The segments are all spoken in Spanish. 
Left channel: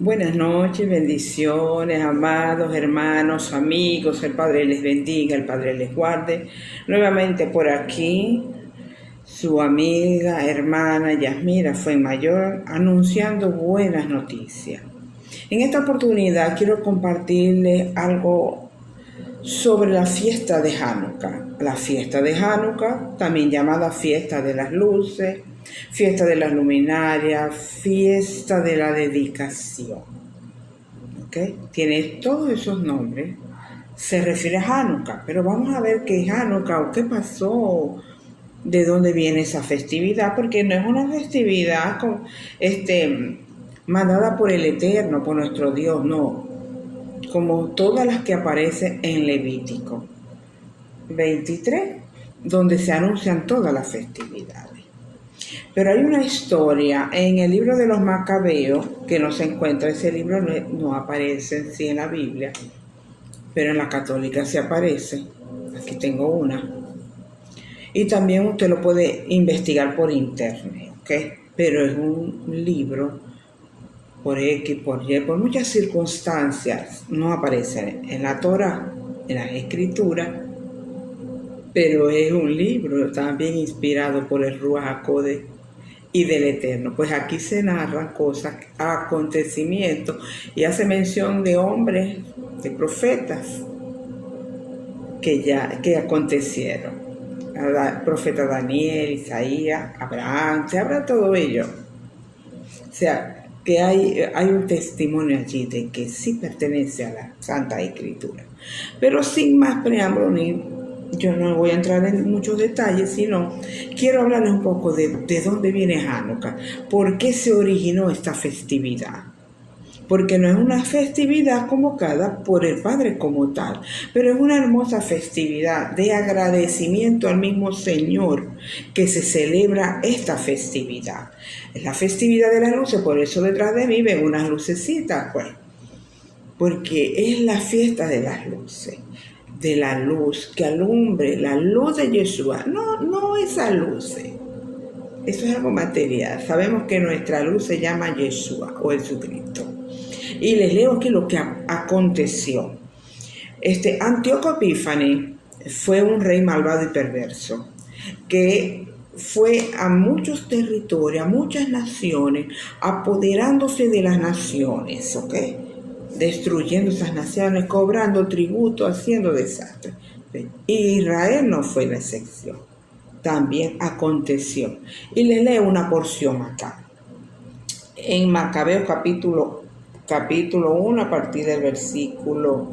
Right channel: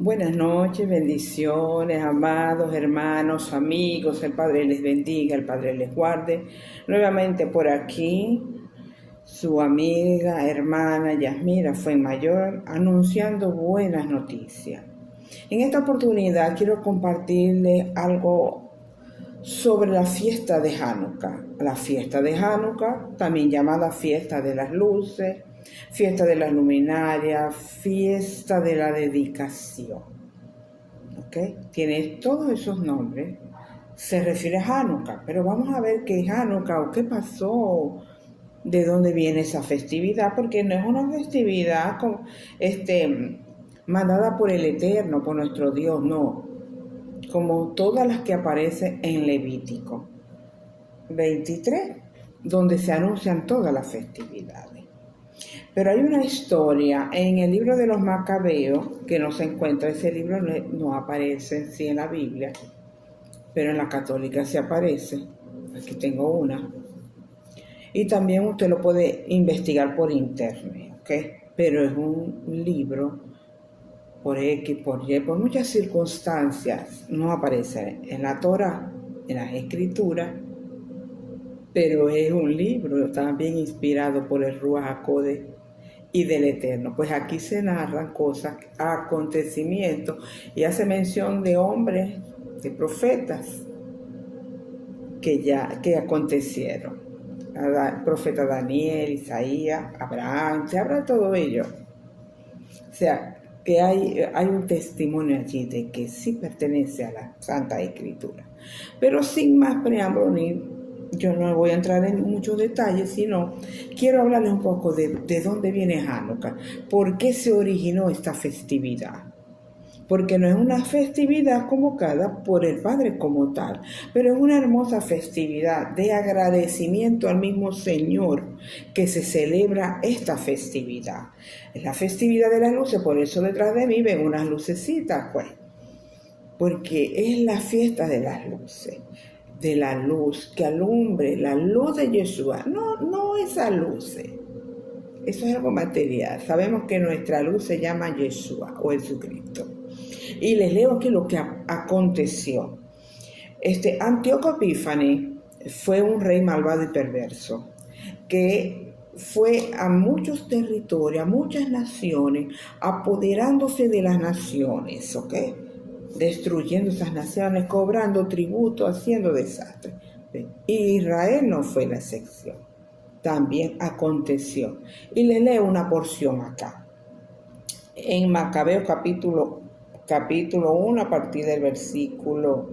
Buenas noches, bendiciones, amados hermanos, amigos, el Padre les bendiga, el Padre les guarde. Nuevamente por aquí, su amiga, hermana Yasmira Fuenmayor, anunciando buenas noticias. En esta oportunidad quiero compartirles algo sobre la fiesta de Hanukkah. La fiesta de Hanukkah, también llamada fiesta de las luces, fiesta de las luminarias, fiesta de la dedicación. ¿Okay? Tiene todos esos nombres. Se refiere a Hanukkah, pero vamos a ver qué es Hanukkah o qué pasó, de dónde viene esa festividad, porque no es una festividad mandada por el Eterno, por nuestro Dios, no, como todas las que aparecen en Levítico 23, donde se anuncian todas las festividades. Pero hay una historia en el libro de los Macabeos que no se encuentra. Ese libro no aparece en sí en la Biblia, pero en la católica se aparece. Aquí tengo una. Y también usted lo puede investigar por internet, ¿ok? Pero es un libro por X, por Y, por muchas circunstancias. No aparece en la Torá, en las escrituras, pero es un libro también inspirado por el Ruach HaKodesh y del Eterno. Pues aquí se narran cosas, acontecimientos, y hace mención de hombres, de profetas que acontecieron. El profeta Daniel, Isaías, Abraham, se habla de todo ello. O sea, que hay un testimonio allí de que sí pertenece a la Santa Escritura. Pero sin más preámbulo, yo no voy a entrar en muchos detalles, sino quiero hablarles un poco de dónde viene Hanukkah, por qué se originó esta festividad. Porque no es una festividad convocada por el Padre como tal, pero es una hermosa festividad de agradecimiento al mismo Señor que se celebra esta festividad. Es la festividad de las luces, por eso detrás de mí ven unas lucecitas, pues, porque es la fiesta de las luces, de la luz que alumbre, la luz de Yeshua, no esa luz. Eso es algo material. Sabemos que nuestra luz se llama Yeshua o Jesucristo. Y les leo aquí lo que aconteció. Antíoco Epífanes fue un rey malvado y perverso, que fue a muchos territorios, a muchas naciones, apoderándose de las naciones, ¿ok? Destruyendo esas naciones, cobrando tributo, haciendo desastres. Y Israel no fue la excepción. También aconteció. Y les leo una porción acá. En Macabeos capítulo 1, a partir del versículo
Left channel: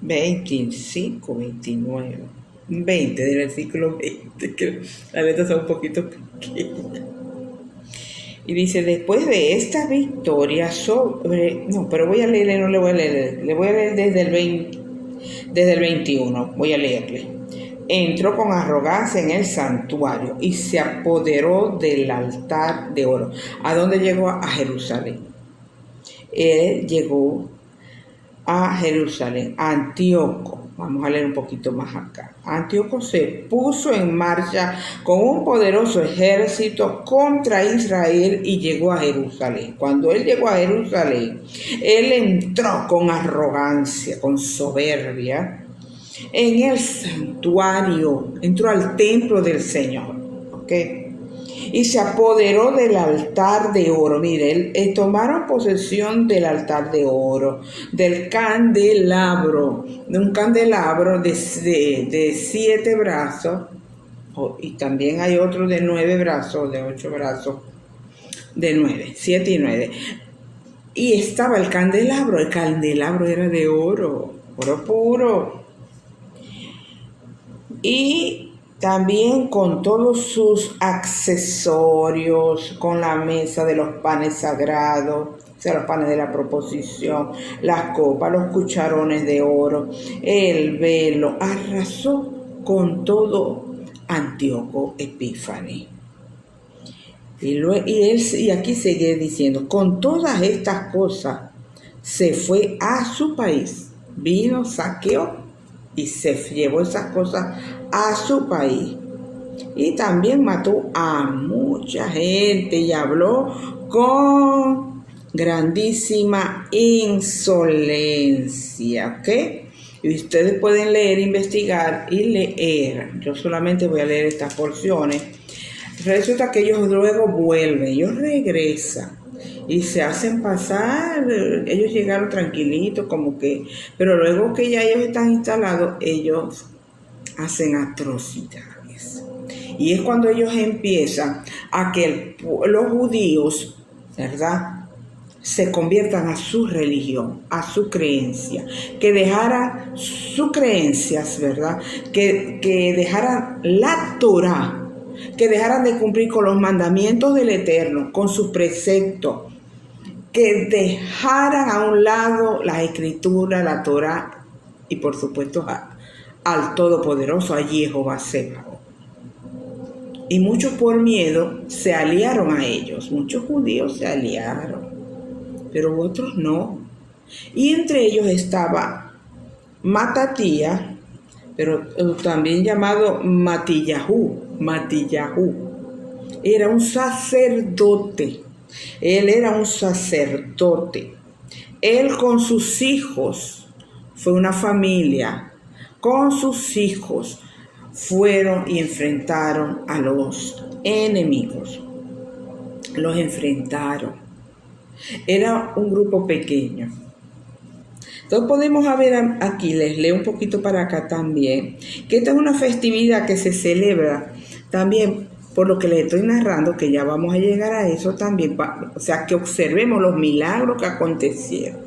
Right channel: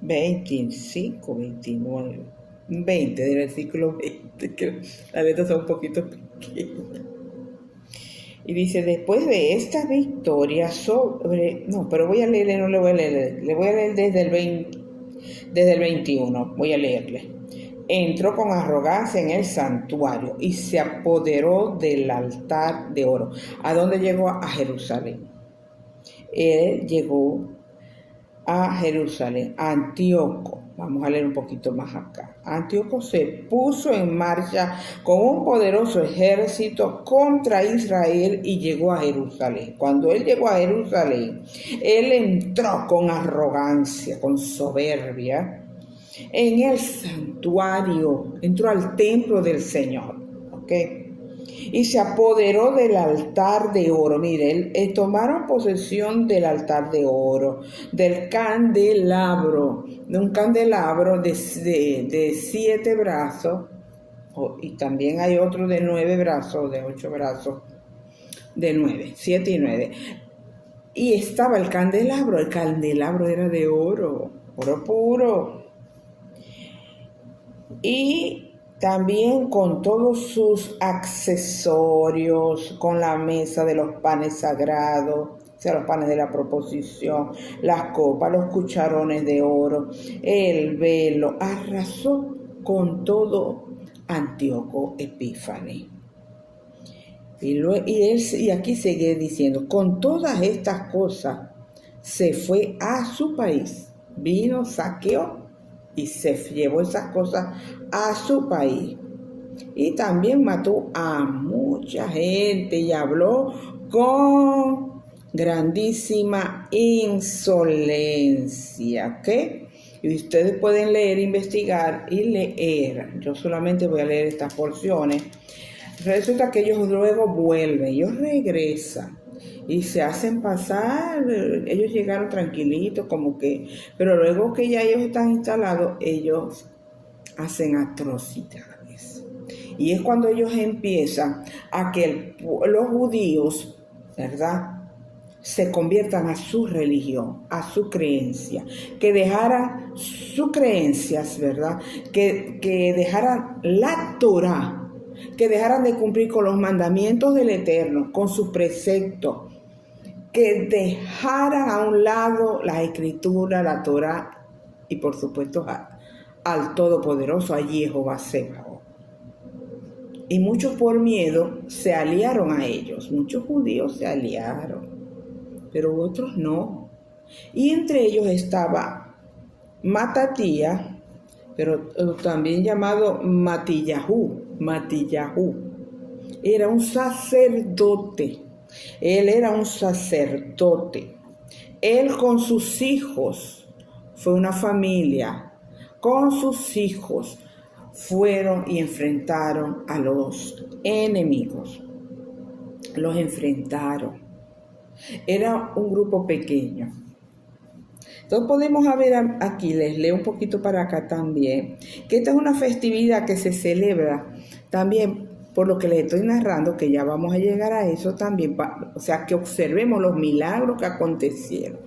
25, 29, 20, del versículo 20, que las letras son un poquito pequeñas. Y dice, después de esta victoria voy a leerle, no le voy a leer, le voy a leer desde el 21, voy a leerle. Entró con arrogancia en el santuario y se apoderó del altar de oro. ¿A dónde llegó? A Jerusalén. Él llegó a Jerusalén. Antíoco, vamos a leer un poquito más acá. Antíoco se puso en marcha con un poderoso ejército contra Israel y llegó a Jerusalén. Cuando él llegó a Jerusalén, él entró con arrogancia, con soberbia, en el santuario, entró al templo del Señor, ¿ok? Y se apoderó del altar de oro. Miren, tomaron posesión del altar de oro, del candelabro, de un candelabro de 7 brazos, y también hay otro de 9 brazos, de 8 brazos, de 9, 7 y 9. Y estaba el candelabro era de oro puro. Y también con todos sus accesorios, con la mesa de los panes sagrados, o sea, los panes de la proposición, las copas, los cucharones de oro, el velo, arrasó con todo Antíoco Epífanes. Y aquí sigue diciendo, con todas estas cosas se fue a su país, vino, saqueó y se llevó esas cosas a su país. Y también mató a mucha gente y habló con grandísima insolencia, ¿ok? Y ustedes pueden leer, investigar y leer. Yo solamente voy a leer estas porciones. Resulta que ellos luego vuelven, ellos regresan y se hacen pasar. Ellos llegaron tranquilitos, como que, pero luego que ya ellos están instalados, ellos hacen atrocidades. Y es cuando ellos empiezan a que los judíos, ¿verdad?, se conviertan a su religión, a su creencia, que dejaran sus creencias, ¿verdad?, que dejaran la Torá, que dejaran de cumplir con los mandamientos del Eterno, con sus preceptos, que dejaran a un lado la Escritura, la Torá y por supuesto al Todopoderoso, a Jehová Sebaot. Y muchos por miedo se aliaron a ellos, muchos judíos se aliaron, pero otros no. Y entre ellos estaba Matatía, pero también llamado Matillahu. Era un sacerdote. Él era un sacerdote. Él con sus hijos, fue una familia, con sus hijos fueron y enfrentaron a los enemigos. Los enfrentaron. Era un grupo pequeño. Entonces podemos ver aquí, les leo un poquito para acá también, que esta es una festividad que se celebra también, por lo que les estoy narrando, que ya vamos a llegar a eso también, o sea, que observemos los milagros que acontecieron.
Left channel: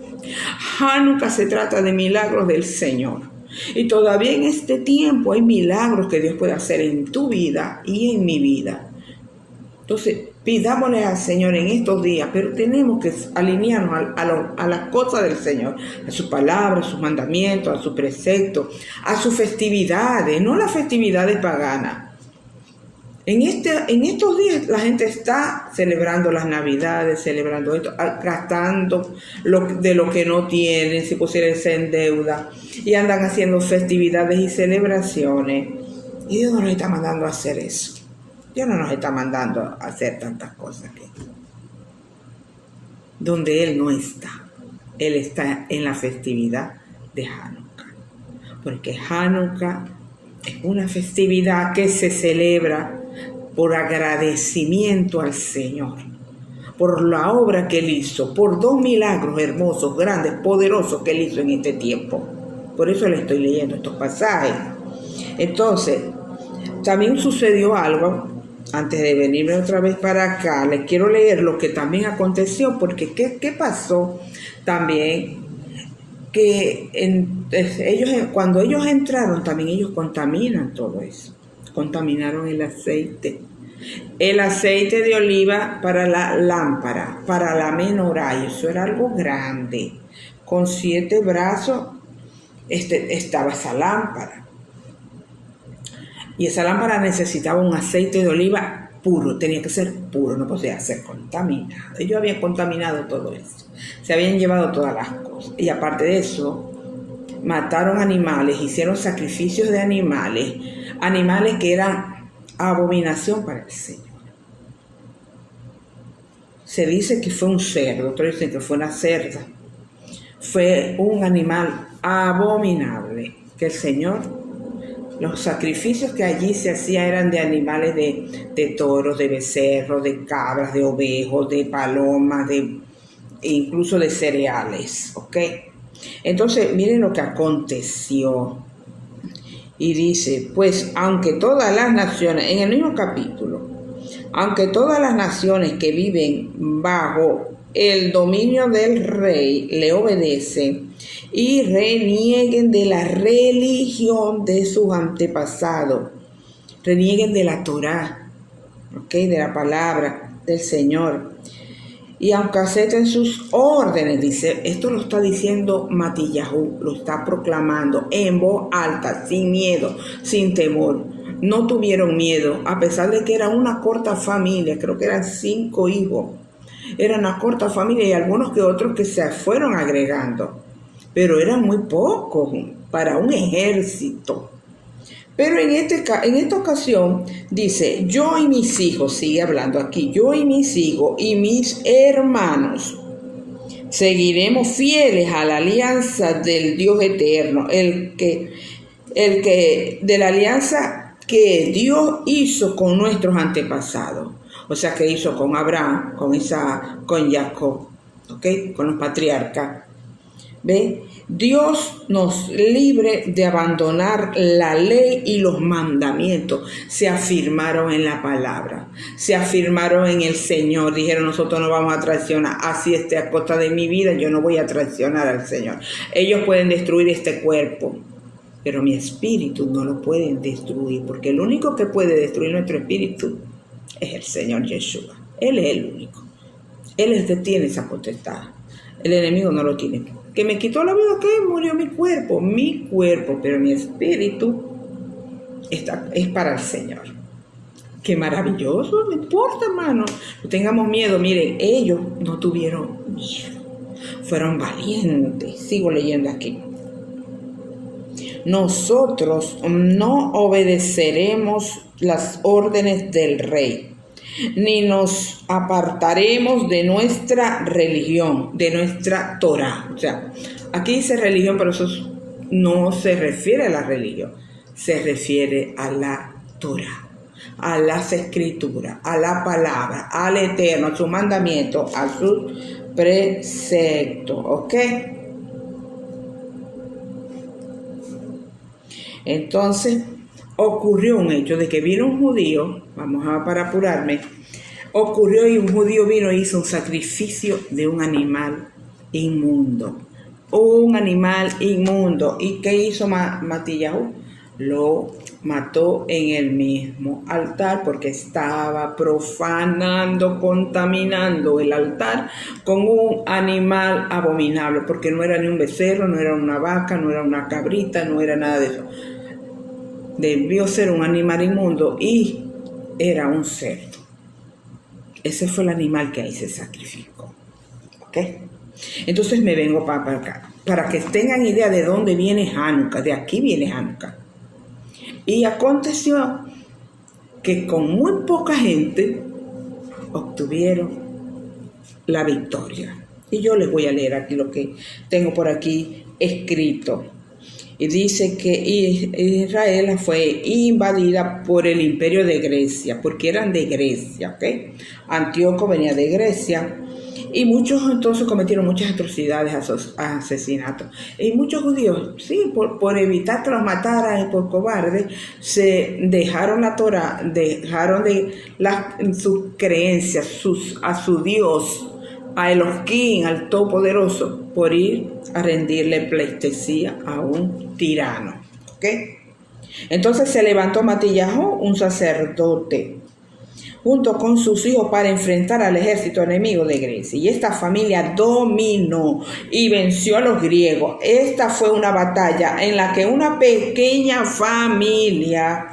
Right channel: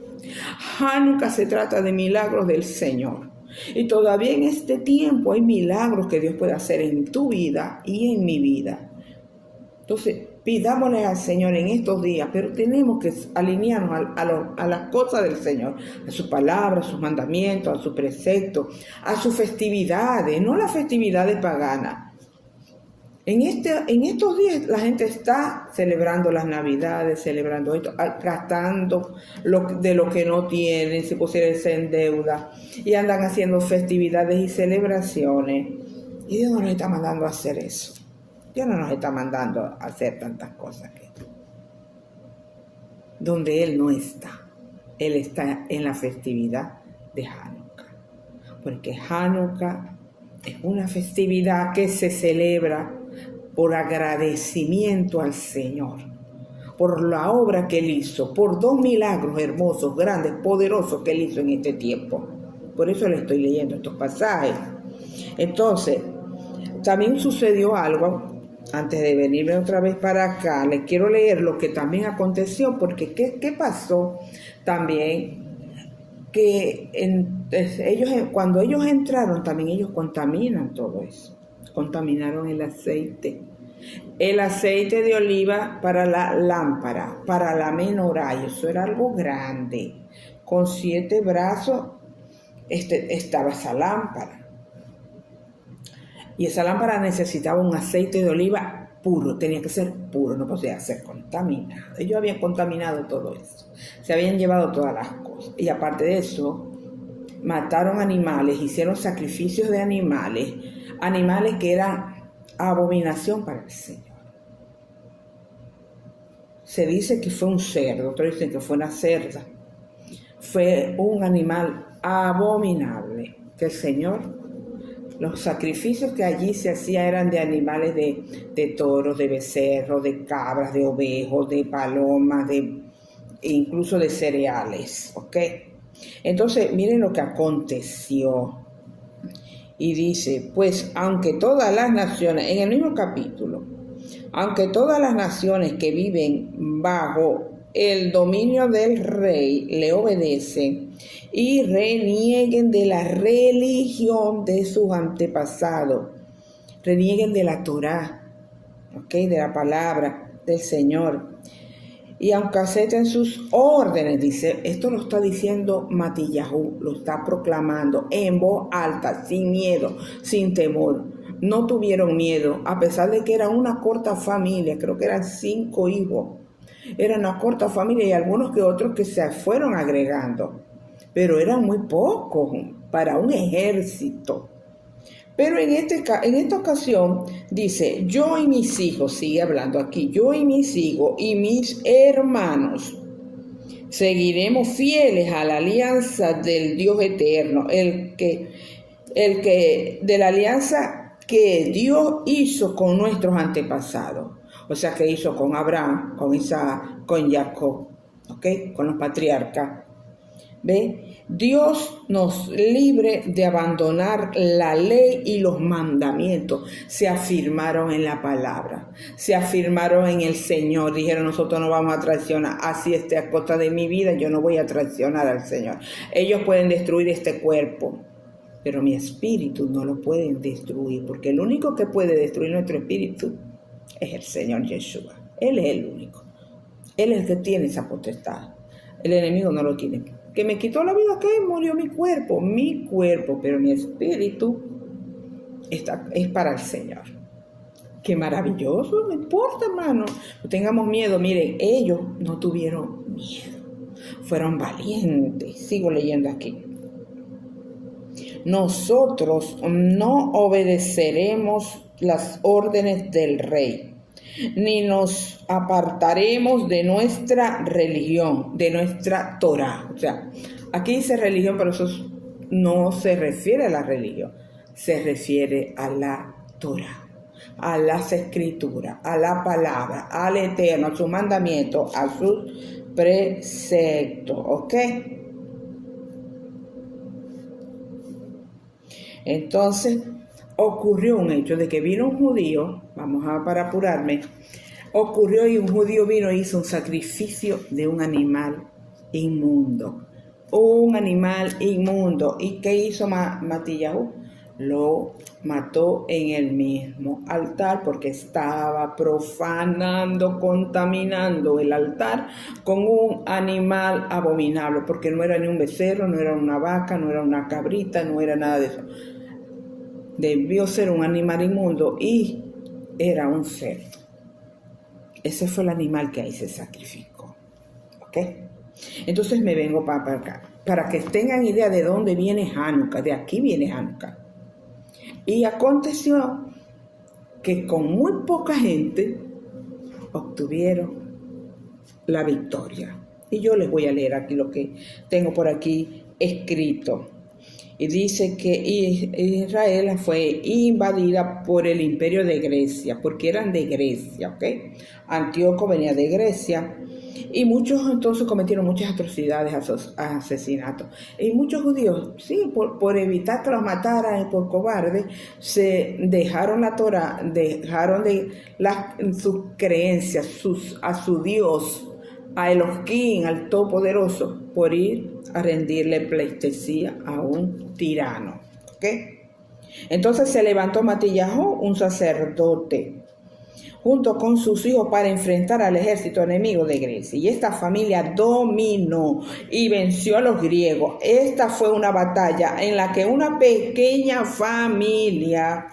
Hanukkah se trata de milagros del Señor. Y todavía en este tiempo hay milagros que Dios puede hacer en tu vida y en mi vida. Entonces, pidámosle al Señor en estos días, pero tenemos que alinearnos a las cosas del Señor, a su palabra, a sus mandamientos, a sus preceptos, a sus festividades, no las festividades paganas. En estos días la gente está celebrando las Navidades, celebrando esto, gastando de lo que no tienen, si pusiese en deuda, y andan haciendo festividades y celebraciones. Y Dios no nos está mandando a hacer eso. Dios no nos está mandando a hacer tantas cosas aquí. Donde Él no está. Él está en la festividad de Hanukkah. Porque Hanukkah es una festividad que se celebra por agradecimiento al Señor, por la obra que Él hizo, por 2 milagros hermosos, grandes, poderosos que Él hizo en este tiempo. Por eso le estoy leyendo estos pasajes. Entonces, también sucedió algo. Antes de venirme otra vez para acá, les quiero leer lo que también aconteció, porque ¿qué pasó también? Que cuando ellos entraron, también ellos contaminan todo eso. Contaminaron el aceite de oliva para la lámpara, para la menorá, y eso era algo grande. Con 7 brazos estaba esa lámpara. Y esa lámpara necesitaba un aceite de oliva puro, tenía que ser puro, no podía ser contaminado. Ellos habían contaminado todo eso, se habían llevado todas las cosas. Y aparte de eso, mataron animales, hicieron sacrificios de animales que eran abominación para el Señor. Se dice que fue un cerdo, otros dicen que fue una cerda. Fue un animal abominable que el Señor... Los sacrificios que allí se hacían eran de animales de toros, de becerros, de cabras, de ovejos, de palomas, incluso de cereales, ¿ok? Entonces, miren lo que aconteció. Y dice, pues, aunque todas las naciones, en el mismo capítulo, aunque todas las naciones que viven bajo el dominio del rey le obedecen y renieguen de la religión de sus antepasados, renieguen de la Torá, ¿okay?, de la palabra del Señor, y aunque acepten sus órdenes, dice, esto lo está diciendo Matillahu, lo está proclamando en voz alta, sin miedo, sin temor. No tuvieron miedo, a pesar de que era una corta familia, creo que eran 5 hijos. Era una corta familia y algunos que otros que se fueron agregando, pero eran muy pocos para un ejército. Pero en esta ocasión dice, yo y mis hijos, sigue hablando aquí, yo y mis hijos y mis hermanos seguiremos fieles a la alianza del Dios eterno, el que de la alianza que Dios hizo con nuestros antepasados. O sea, que hizo con Abraham, con Isaac, con Jacob, ¿ok? Con los patriarcas. ¿Ve? Dios nos libre de abandonar la ley y los mandamientos. Se afirmaron en la palabra, se afirmaron en el Señor. Dijeron, nosotros no vamos a traicionar, así esté a costa de mi vida, yo no voy a traicionar al Señor. Ellos pueden destruir este cuerpo, pero mi espíritu no lo pueden destruir, porque el único que puede destruir nuestro espíritu es el Señor Yeshua. Él es el único. Él es el que tiene esa potestad. El enemigo no lo tiene. Que me quitó la vida, que murió mi cuerpo, pero mi espíritu es para el Señor. Qué maravilloso, no importa, hermano. No tengamos miedo. Miren, ellos no tuvieron miedo. Fueron valientes. Sigo leyendo aquí. Nosotros no obedeceremos las órdenes del rey, ni nos apartaremos de nuestra religión, de nuestra Torah. O sea, aquí dice religión, pero eso no se refiere a la religión, se refiere a la Torah, a las escrituras, a la palabra, al Eterno, a su mandamiento, a sus preceptos, ¿ok? Entonces ocurrió un hecho de que vino un judío, para apurarme, ocurrió y un judío vino e hizo un sacrificio de un animal inmundo. ¿Y qué hizo Matillahu? Lo mató en el mismo altar porque estaba profanando, contaminando el altar con un animal abominable, porque no era ni un becerro, no era una vaca, no era una cabrita, no era nada de eso. Debió ser un animal inmundo y era un cerdo. Ese fue el animal que ahí se sacrificó. ¿Ok? Entonces me vengo para acá, para que tengan idea de dónde viene Hanukkah. De aquí viene Hanukkah. Y aconteció que con muy poca gente obtuvieron la victoria. Y yo les voy a leer aquí lo que tengo por aquí escrito. Y dice que Israel fue invadida por el imperio de Grecia, porque eran de Grecia, ¿ok? Antíoco venía de Grecia, y muchos entonces cometieron muchas atrocidades, asesinatos. Y muchos judíos, sí, por evitar que los mataran y por cobardes, se dejaron la Torah, dejaron sus creencias, a su Dios, a Elohim, al Todopoderoso, por ir a rendirle pleitesía a un tirano. ¿Ok? Entonces se levantó Matillahu, un sacerdote, junto con sus hijos para enfrentar al ejército enemigo de Grecia. Y esta familia dominó y venció a los griegos. Esta fue una batalla en la que una pequeña familia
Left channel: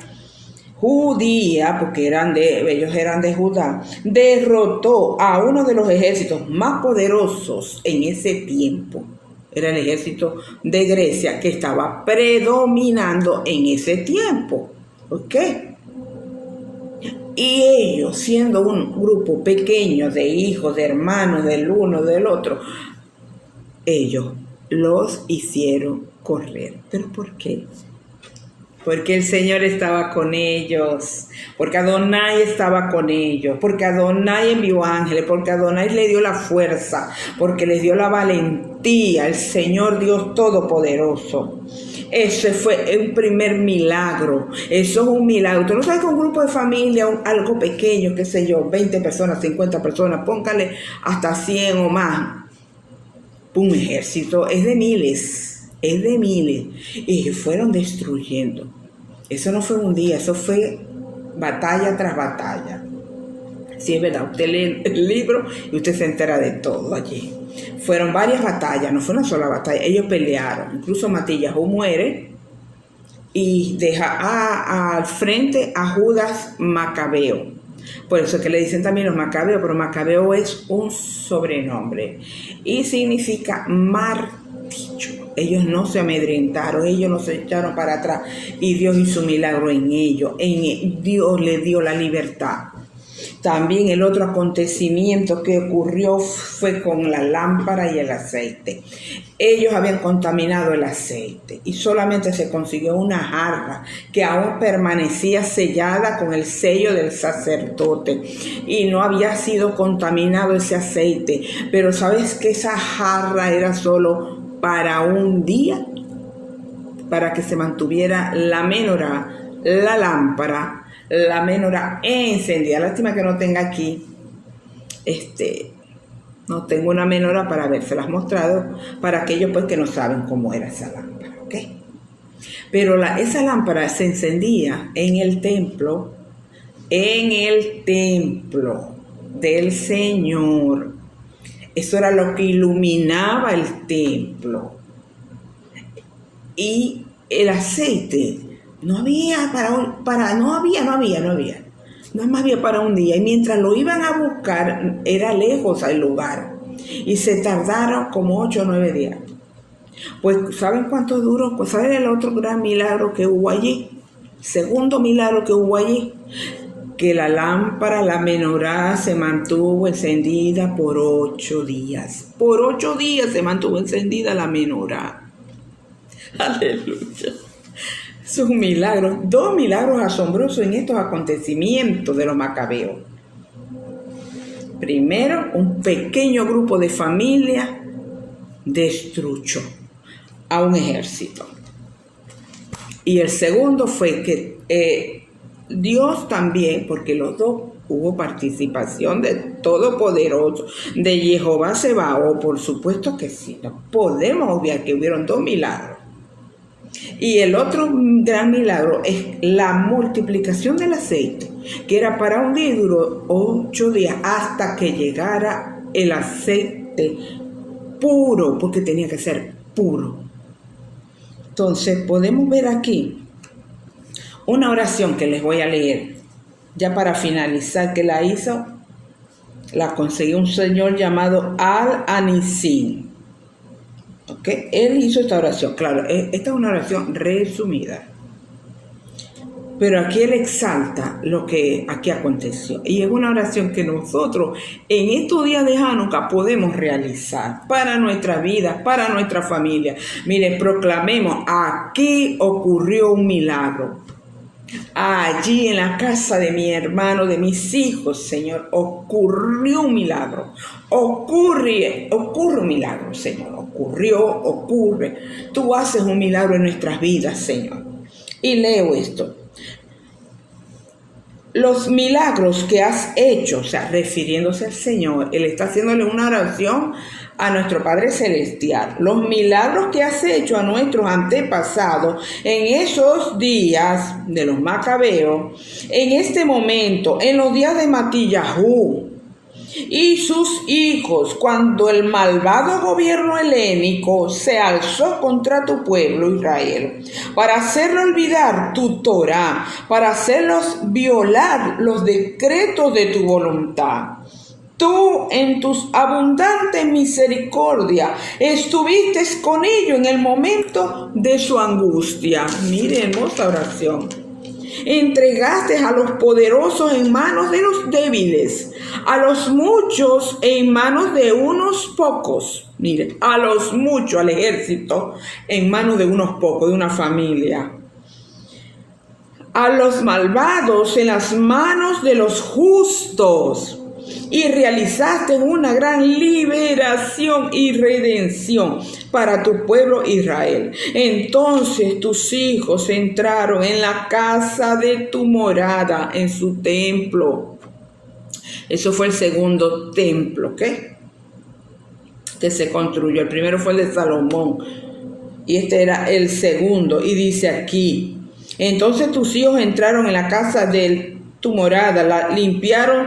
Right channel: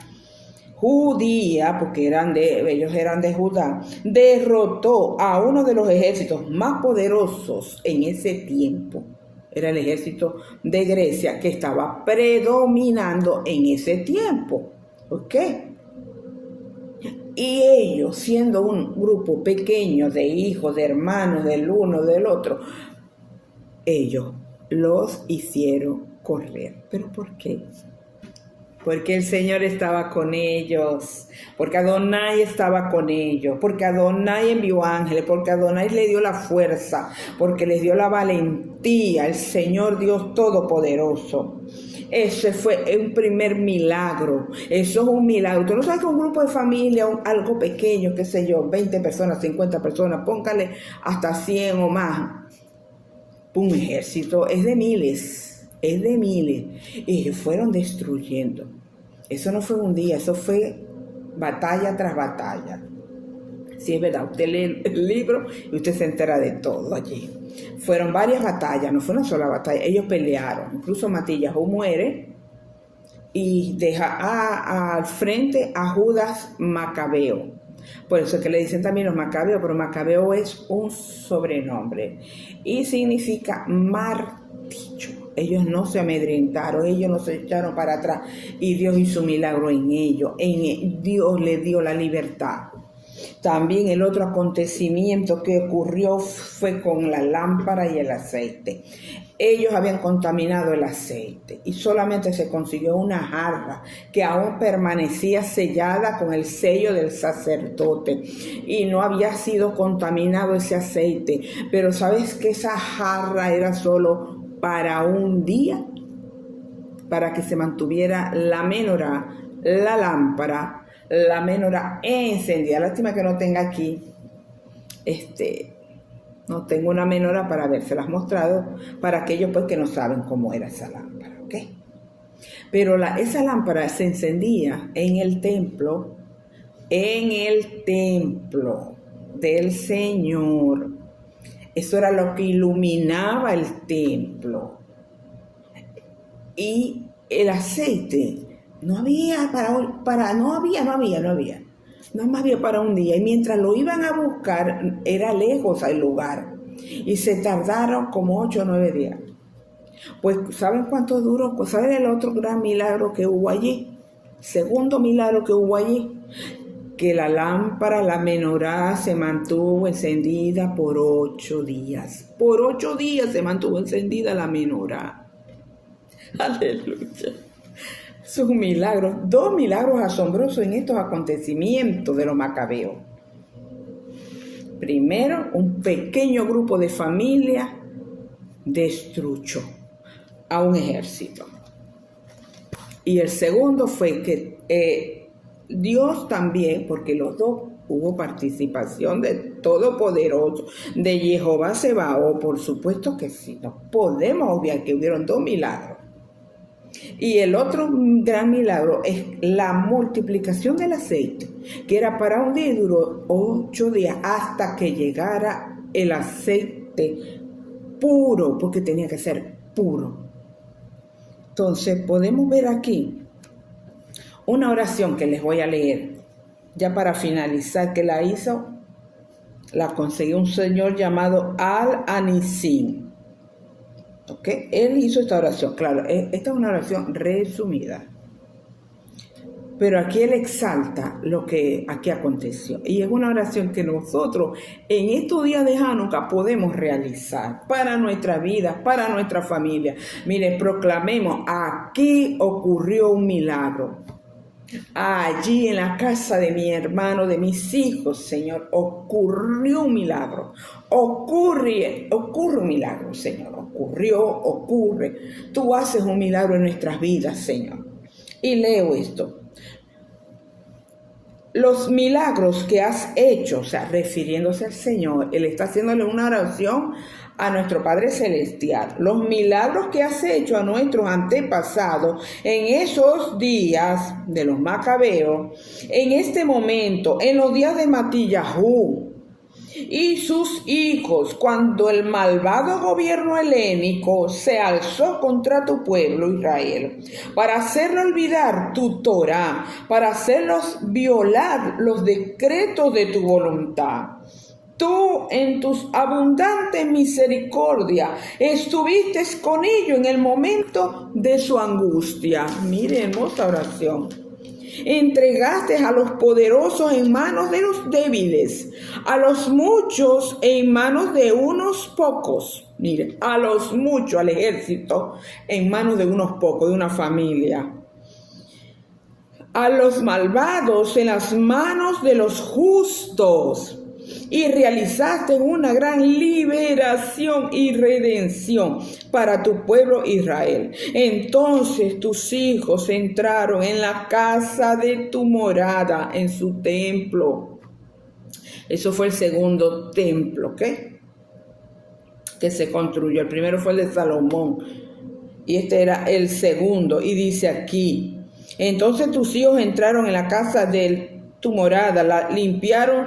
judía, porque ellos eran de Judá, derrotó a uno de los ejércitos más poderosos en ese tiempo. Era el ejército de Grecia que estaba predominando en ese tiempo. ¿Ok? Y ellos, siendo un grupo pequeño de hijos, de hermanos, del uno, del otro, ellos los hicieron correr. ¿Pero por qué? Porque el Señor estaba con ellos, porque Adonai estaba con ellos, porque Adonai envió ángeles, porque Adonai le dio la fuerza, porque les dio la valentía, el Señor Dios Todopoderoso. Ese fue el primer milagro. Eso es un milagro. Tú no sabes que un grupo de familia, algo pequeño, qué sé yo, 20 personas, 50 personas, póngale hasta 100 o más. Un ejército es de miles. Y fueron destruyendo. Eso no fue un día, eso fue batalla tras batalla. Sí, es verdad, usted lee el libro y usted se entera de todo allí. Fueron varias batallas, no fue una sola batalla. Ellos pelearon, incluso Matillahu muere y deja al frente a Judas Macabeo. Por eso que le dicen también los Macabeos, pero Macabeo es un sobrenombre y significa mártir. dicho. Ellos no se amedrentaron, ellos no se echaron para atrás y Dios hizo un milagro en ellos. Dios les dio la libertad. También el otro acontecimiento que ocurrió fue con la lámpara y el aceite. Ellos habían contaminado el aceite y solamente se consiguió una jarra que aún permanecía sellada con el sello del sacerdote y no había sido contaminado ese aceite. Pero ¿sabes que esa jarra era solo para un día? Para que se mantuviera la menorá, la lámpara, la menorá encendida. Lástima que no tenga aquí, no tengo una menorá para habérselas mostrado para aquellos pues que no saben cómo era esa lámpara, ¿ok? Pero esa lámpara se encendía en el templo del Señor. Eso era lo que iluminaba el templo. Y el aceite no había no más bien para un día. Y mientras lo iban a buscar, era lejos el lugar. Y se tardaron como 8 o 9 días. Pues, ¿saben cuánto duró? Pues, ¿saben el otro gran milagro que hubo allí? Segundo milagro que hubo allí. Que la lámpara, la menorá, se mantuvo encendida por 8 días. Por 8 días se mantuvo encendida la menorá. Aleluya. Es un milagro, 2 milagros asombrosos en estos acontecimientos de los macabeos. Primero, un pequeño grupo de familia destruyó a un ejército. Y el segundo fue que Dios también, porque los dos hubo participación de Todopoderoso, de Jehová Sebaot, por supuesto que sí. No podemos obviar que hubieron 2 milagros. Y el otro gran milagro es la multiplicación del aceite, que era para un día y duró 8 días hasta que llegara el aceite puro, porque tenía que ser puro. Entonces podemos ver aquí una oración que les voy a leer, ya para finalizar, que la consiguió un señor llamado Al-Anisim. ¿Okay? Él hizo esta oración, claro, esta es una oración resumida, pero aquí él exalta lo que aquí aconteció, y es una oración que nosotros en estos días de Hanukkah podemos realizar para nuestras vidas, para nuestra familia. Mire, proclamemos: aquí ocurrió un milagro. Allí en la casa de mi hermano, de mis hijos, Señor, ocurrió un milagro. Ocurre un milagro, Señor. Ocurre. Tú haces un milagro en nuestras vidas, Señor. Y leo esto. Los milagros que has hecho, o sea, refiriéndose al Señor, Él está haciéndole una oración a nuestro Padre Celestial. Los milagros que has hecho a nuestros antepasados en esos días de los macabeos, en este momento, en los días de Matillahu y sus hijos, cuando el malvado gobierno helénico se alzó contra tu pueblo Israel, para hacerlo olvidar tu Torá, para hacerlos violar los decretos de tu voluntad. Tú, en tus abundantes misericordia, estuviste con ellos en el momento de su angustia. Mire, hermosa oración. Entregaste a los poderosos en manos de los débiles, a los muchos en manos de unos pocos. Mire, a los muchos, al ejército, en manos de unos pocos, de una familia. A los malvados en las manos de los justos. Y realizaste una gran liberación y redención para tu pueblo Israel. Entonces tus hijos entraron en la casa de tu morada, en su templo. Eso fue el segundo templo, ¿ok? Que se construyó. El primero fue el de Salomón y este era el segundo. Y dice aquí: entonces tus hijos entraron en la casa de tu morada, la limpiaron,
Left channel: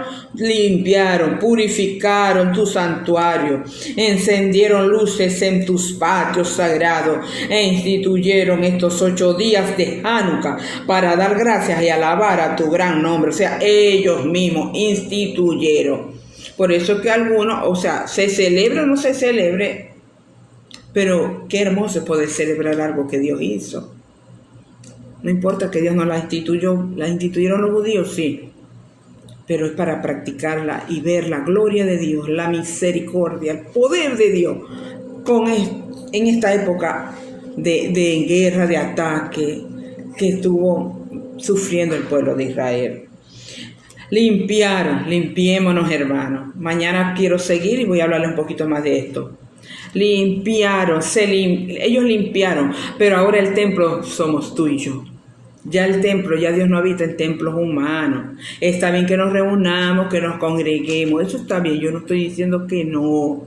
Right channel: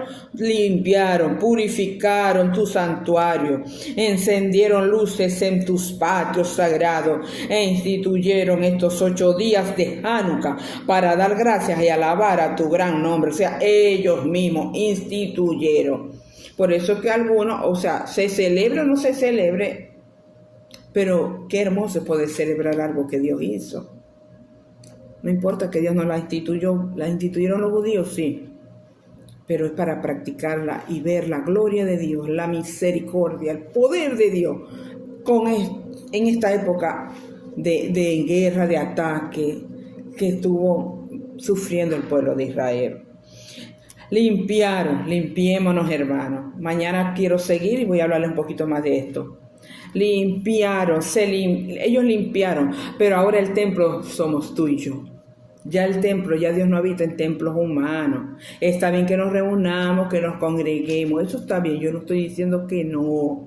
purificaron tu santuario, encendieron luces en tus patios sagrados e instituyeron estos 8 días de Hanukkah para dar gracias y alabar a tu gran nombre. O sea, ellos mismos instituyeron. Por eso que algunos, o sea, se celebre o no se celebre Pero qué hermoso es poder celebrar algo que Dios hizo. No importa que Dios no la instituyó, la instituyeron los judíos, sí, pero es para practicarla y ver la gloria de Dios, la misericordia, el poder de Dios en esta época de guerra, de ataque que estuvo sufriendo el pueblo de Israel. Limpiémonos, hermanos. Mañana quiero seguir y voy a hablarles un poquito más de esto. Ellos limpiaron, pero ahora el templo somos tú y yo. Ya Dios no habita en templos humanos. Está bien que nos reunamos, que nos congreguemos, eso está bien, yo no estoy diciendo que no.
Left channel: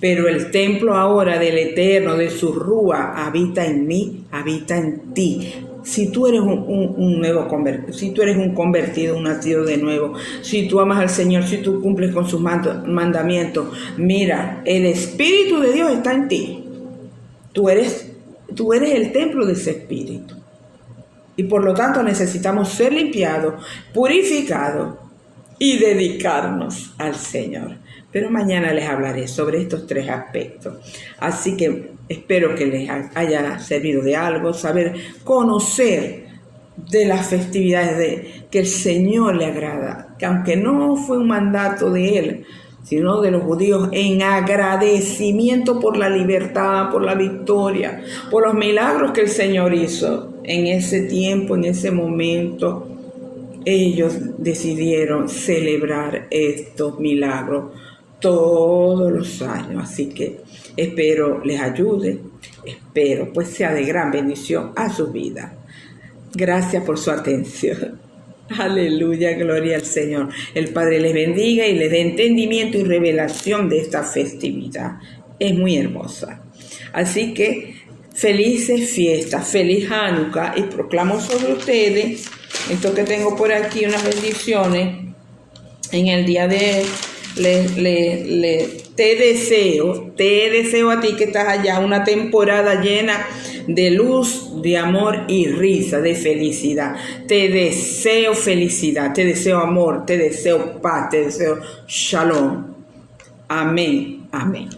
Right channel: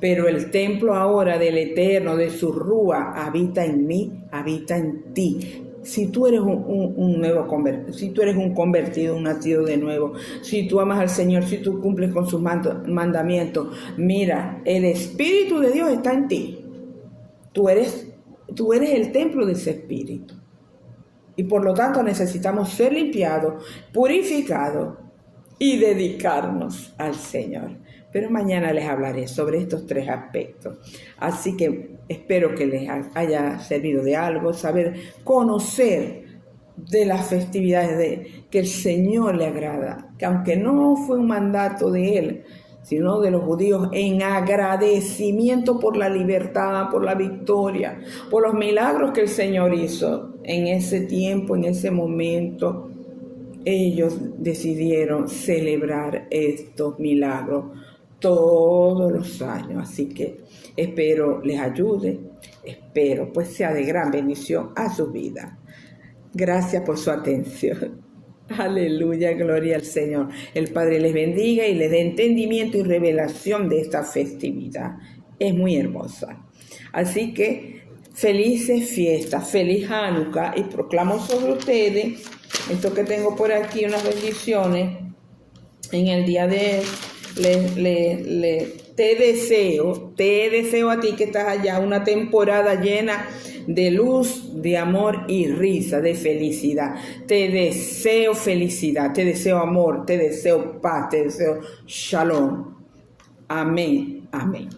Pero el templo ahora del Eterno, de su Rúa, habita en mí, habita en ti. Si tú eres un nuevo convertido, si tú eres un convertido, un nacido de nuevo, si tú amas al Señor, si tú cumples con sus mandamientos, mira, el Espíritu de Dios está en ti. Tú eres el templo de ese Espíritu. Y por lo tanto necesitamos ser limpiados, purificados y dedicarnos al Señor. Pero mañana les hablaré sobre estos 3 aspectos. Así que espero que les haya servido de algo, conocer de las festividades que el Señor le agrada, que aunque no fue un mandato de Él, sino de los judíos, en agradecimiento por la libertad, por la victoria, por los milagros que el Señor hizo en ese tiempo, en ese momento. Ellos decidieron celebrar estos milagros todos los años. Así que espero les ayude, espero pues sea de gran bendición a su vida. Gracias por su atención. Aleluya, gloria al Señor. El Padre les bendiga y les dé entendimiento y revelación de esta festividad. Es muy hermosa. Así que felices fiestas, feliz Hanukkah, y proclamo sobre ustedes esto que tengo por aquí, unas bendiciones en el día de te deseo a ti que estás allá una temporada llena de luz, de amor y risa, de felicidad. Te deseo felicidad, te deseo amor, te deseo paz, te deseo shalom. Amén, amén.